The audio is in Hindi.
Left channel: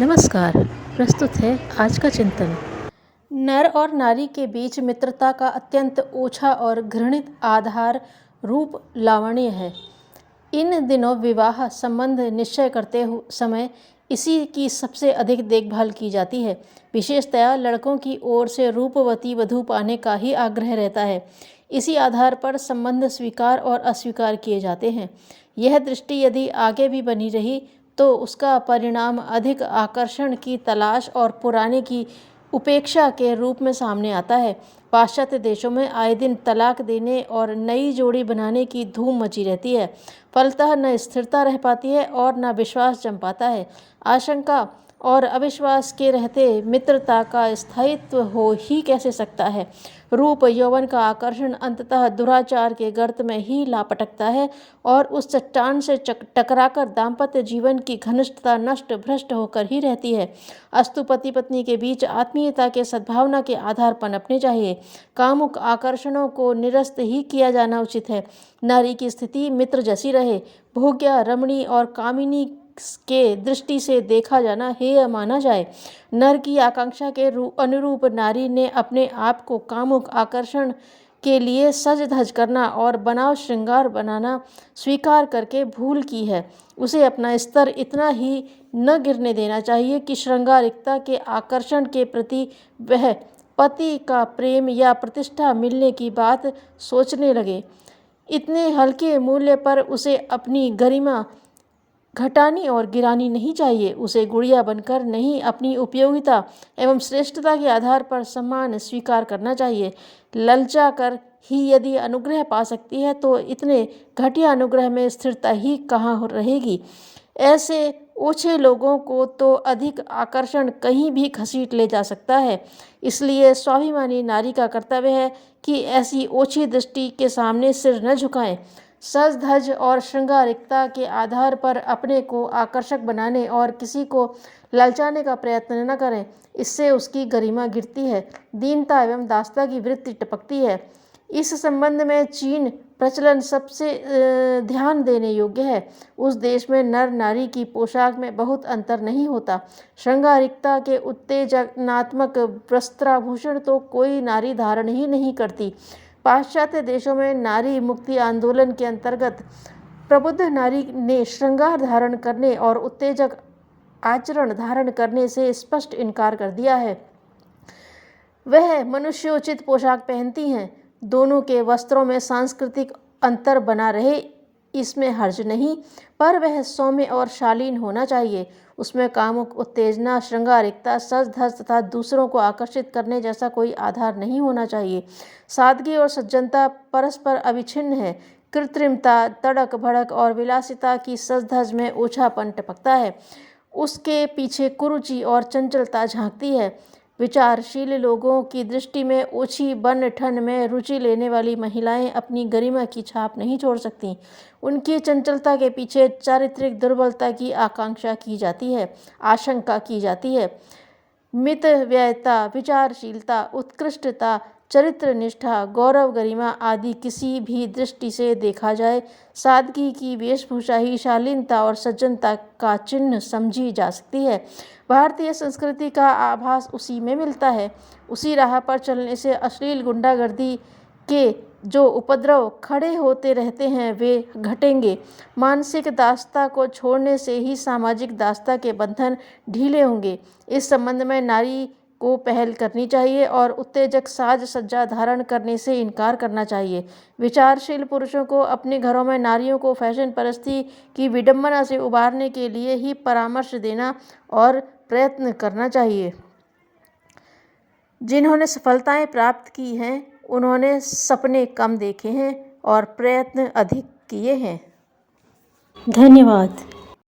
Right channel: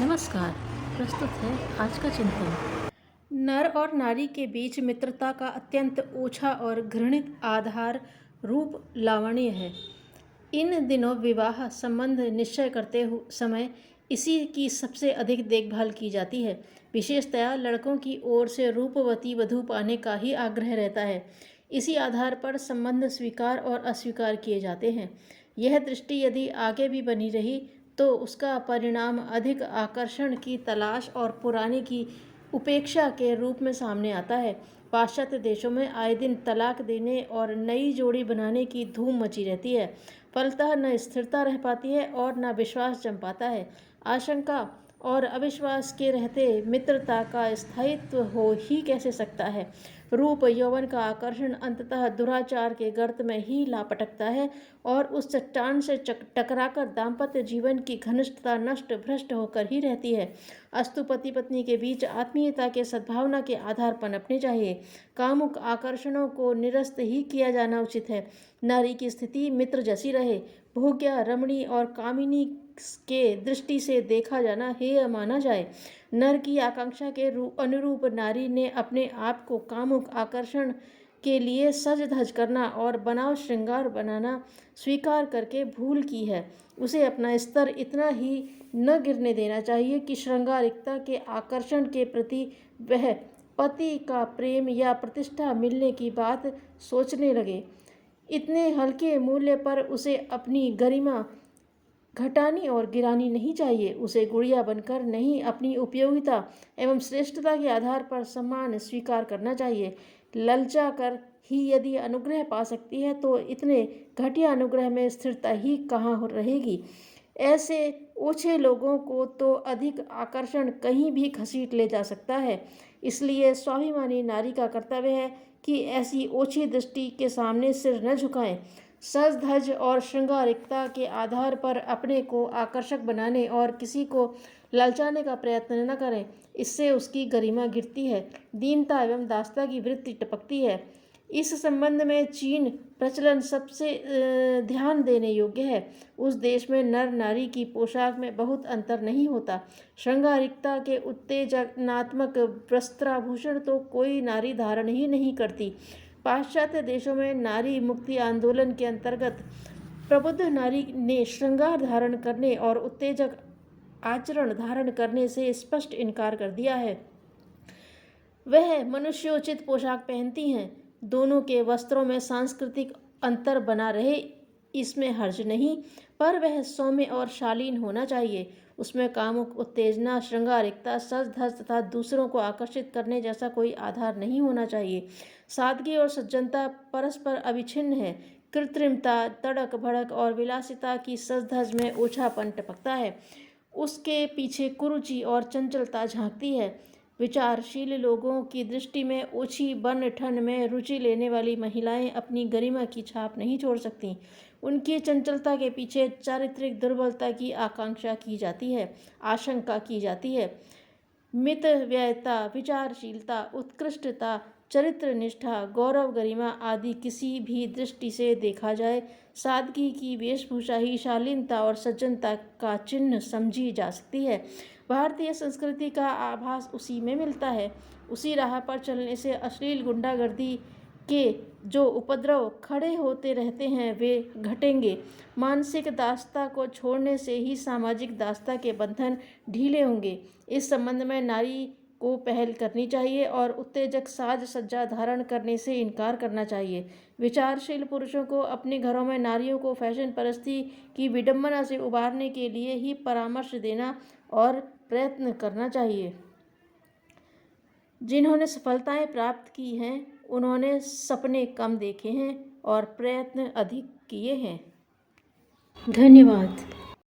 नमस्कार। प्रस्तुत है आज का चिंतन। नर और नारी के बीच मित्रता का अत्यंत ओछा और घृणित आधार रूप लावण्य है। इन दिनों विवाह संबंध निश्चय करते समय इसी की सबसे अधिक देखभाल की जाती है। विशेषतया लड़कों की ओर से रूपवती वधू पाने का ही आग्रह रहता है। इसी आधार पर संबंध स्वीकार और अस्वीकार किए जाते हैं। यह दृष्टि यदि आगे भी बनी रही तो उसका परिणाम अधिक आकर्षण की तलाश और पुराने की उपेक्षा के रूप में सामने आता है। पाश्चात्य देशों में आए दिन तलाक देने और नई जोड़ी बनाने की धूम मची रहती है। फलतः न स्थिरता रह पाती है और न विश्वास जम पाता है। आशंका और अविश्वास के रहते मित्रता का स्थायित्व हो ही कैसे सकता है। रूप यौवन का आकर्षण अंततः दुराचार के गर्त में ही लापटकता है और उस चट्टान से टकराकर दाम्पत्य जीवन की घनिष्ठता नष्ट भ्रष्ट होकर ही रहती है। अस्तु पति पत्नी के बीच आत्मीयता के सद्भावना के आधार पनपने चाहिए। कामुक आकर्षणों को निरस्त ही किया जाना उचित है। नारी की स्थिति मित्र जैसी रहे। भोग्या रमणी और कामिनी के दृष्टि से देखा जाना हेय माना जाए। नर की आकांक्षा के अनुरूप नारी ने अपने आप को कामुक आकर्षण के लिए सज धज करना और बनाव श्रृंगार बनाना स्वीकार करके भूल की है। उसे अपना स्तर इतना ही न गिरने देना चाहिए कि श्रृंगारिकता के आकर्षण के प्रति वह पति का प्रेम या प्रतिष्ठा मिलने की बात सोचने लगे। इतने हल्के मूल्य पर उसे अपनी गरिमा घटानी और गिरानी नहीं चाहिए। उसे गुड़िया बनकर नहीं, अपनी उपयोगिता एवं श्रेष्ठता के आधार पर सम्मान स्वीकार करना चाहिए। ललचा कर ही यदि अनुग्रह पा सकती है तो इतने घटिया अनुग्रह में स्थिरता ही कहाँ रहेगी। ऐसे ओछे लोगों को तो अधिक आकर्षण कहीं भी घसीट ले जा सकता है। इसलिए स्वाभिमानी नारी का कर्तव्य है कि ऐसी ओछी दृष्टि के सामने सिर न झुकाएं। सज धज और श्रृंगारिकता के आधार पर अपने को आकर्षक बनाने और किसी को ललचाने का प्रयत्न न करें। इससे उसकी गरिमा गिरती है, दीनता एवं दासता की वृत्ति टपकती है। इस संबंध में चीन प्रचलन सबसे ध्यान देने योग्य है। उस देश में नर नारी की पोशाक में बहुत अंतर नहीं होता। श्रृंगारिकता के उत्तेजनात्मक वस्त्राभूषण तो कोई नारी धारण ही नहीं करती। पाश्चात्य देशों में नारी मुक्ति आंदोलन के अंतर्गत प्रबुद्ध नारी ने श्रृंगार धारण करने और उत्तेजक आचरण धारण करने से स्पष्ट इनकार कर दिया है। वह मनुष्योचित पोशाक पहनती हैं। दोनों के वस्त्रों में सांस्कृतिक अंतर बना रहे इसमें हर्ज नहीं, पर वह सौम्य और शालीन होना चाहिए। उसमें कामुक उत्तेजना, श्रृंगारिकता, सज धज तथा दूसरों को आकर्षित करने जैसा कोई आधार नहीं होना चाहिए। सादगी और सज्जनता परस्पर अविच्छिन्न है। कृत्रिमता, तड़क भड़क और विलासिता की सज धज में ओछापन टपकता है। उसके पीछे कुरुचि और चंचलता झांकती है। विचारशील लोगों की दृष्टि में ओछी बन ठन में रुचि लेने वाली महिलाएं अपनी गरिमा की छाप नहीं छोड़ सकती। उनकी चंचलता के पीछे चारित्रिक दुर्बलता की आकांक्षा की जाती है, आशंका की जाती है। मितव्ययता, विचारशीलता, उत्कृष्टता, चरित्र निष्ठा, गौरव, गरिमा आदि किसी भी दृष्टि से देखा जाए, सादगी की वेशभूषा ही शालीनता और सज्जनता का चिन्ह समझी जा सकती है। भारतीय संस्कृति का आभास उसी में मिलता है। उसी राह पर चलने से अश्लील गुंडागर्दी के जो उपद्रव खड़े होते रहते हैं वे घटेंगे। मानसिक दासता को छोड़ने से ही सामाजिक दासता के बंधन ढीले होंगे। इस संबंध में नारी को पहल करनी चाहिए और उत्तेजक साज सज्जा धारण करने से इनकार करना चाहिए। विचारशील पुरुषों को अपने घरों में नारियों को फैशन परस्ती की विडंबना से उबारने के लिए ही परामर्श देना और प्रयत्न करना चाहिए। जिन्होंने सफलताएं प्राप्त की हैं उन्होंने सपने कम देखे हैं और प्रयत्न अधिक किए हैं। धन्यवाद।